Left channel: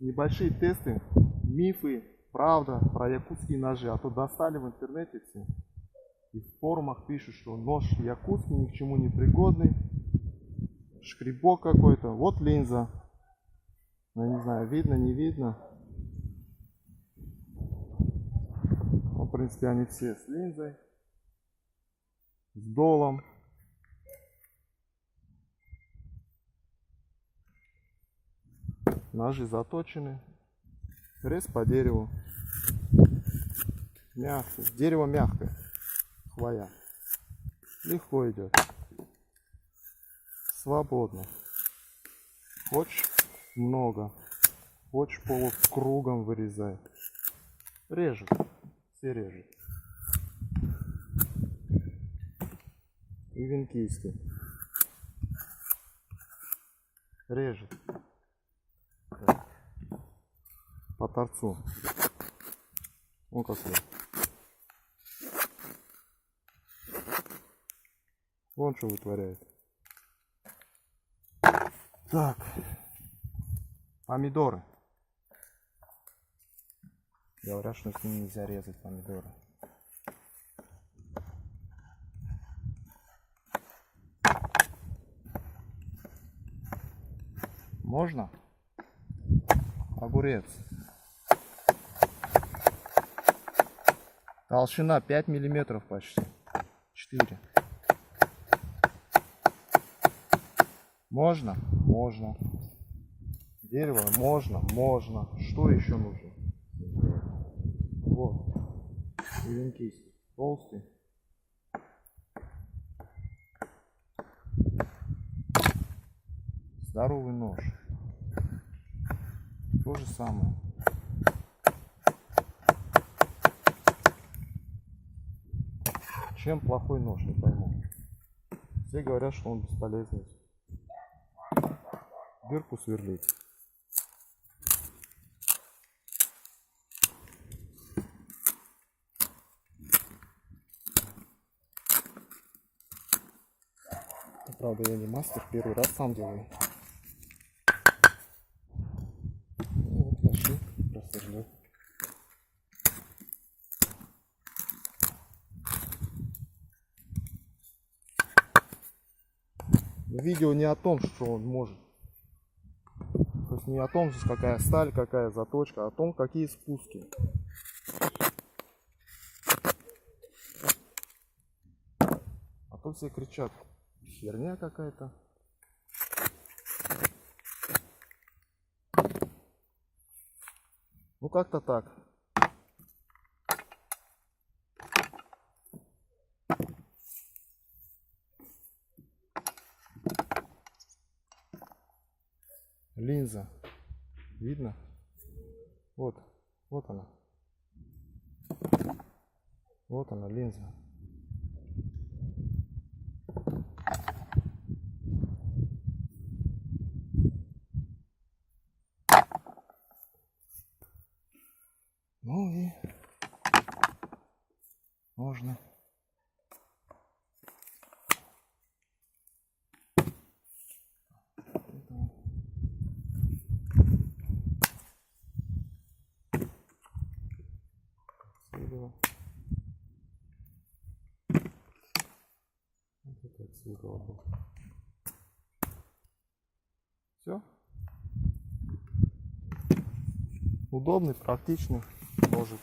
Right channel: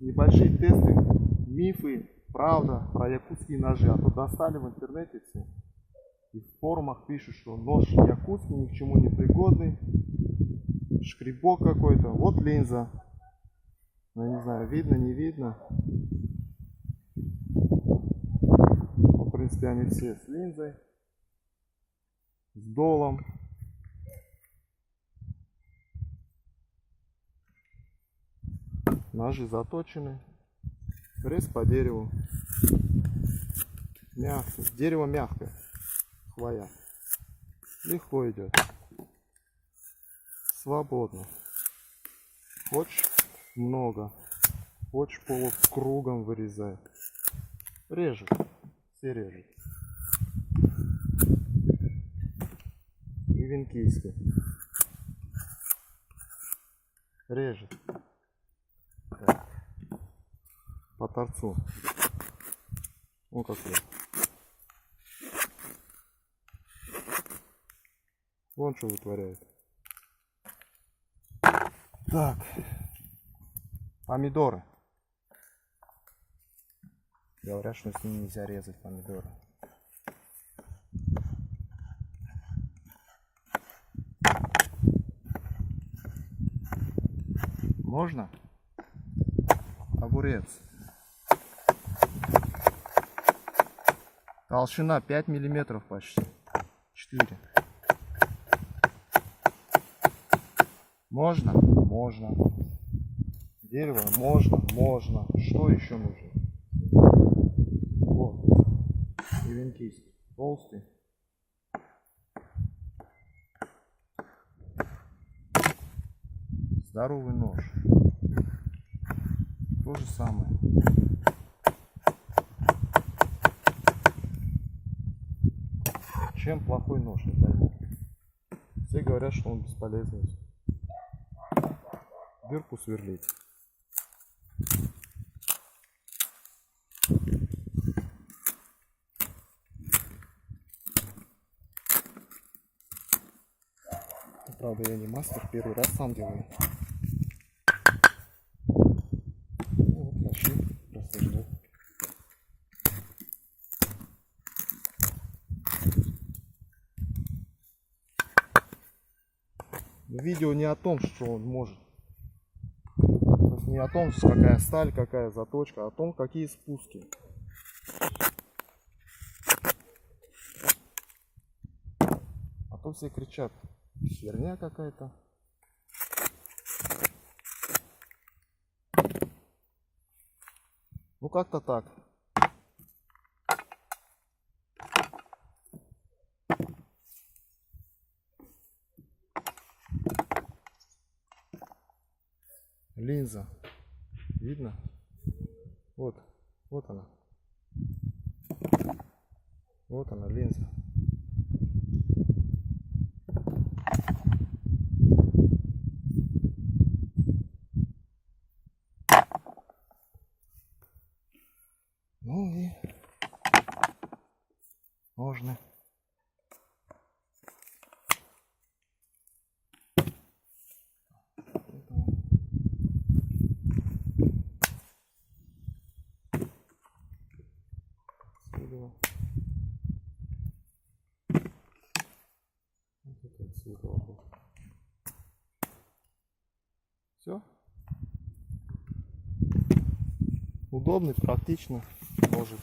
небольшие тесты, мифы, правда про якутские ножи. А то достали в интернете все. И в форумах пишут, что нож якутский ни к чему не пригодный. Шкребок какой-то. Вот линза. Ну, не знаю, видно, не видно. Ну, в принципе, они все с линзой. С долом. Ножи заточены. Рез по дереву. Мягкое. Дерево мягкое. Хвоя. Легко идет. Свободно. Хочешь много. Хочешь полукругом вырезай. Режет. Все режет. И венкийский. Режет. Так. По торцу. Вот какой. Вон что вытворяет. Так. Помидоры. Говорят, что с ними нельзя резать помидоры. Можно? Огурец. Толщина 5 миллиметров почти. 4. Можно? Можно. Дерево? Можно. Можно. Что еще нужно? Вот. И венкийский. Толстый. Здоровый нож. То же самое. Чем плохой нож, не пойму. Все говорят, что он бесполезный. Дырку сверлить. Правда, я не мастер, первый раз сам делаю. Ну, вот, пошли рассаждать. Видео не о том, что он может. То есть не о том, какая сталь, какая заточка, а о том, какие спуски. А то все кричат, херня какая-то. Ну как-то так. Линза. Видно? Вот. Вот она. Вот она, линза. Ну и можно. Все. Удобный, практичный ножик.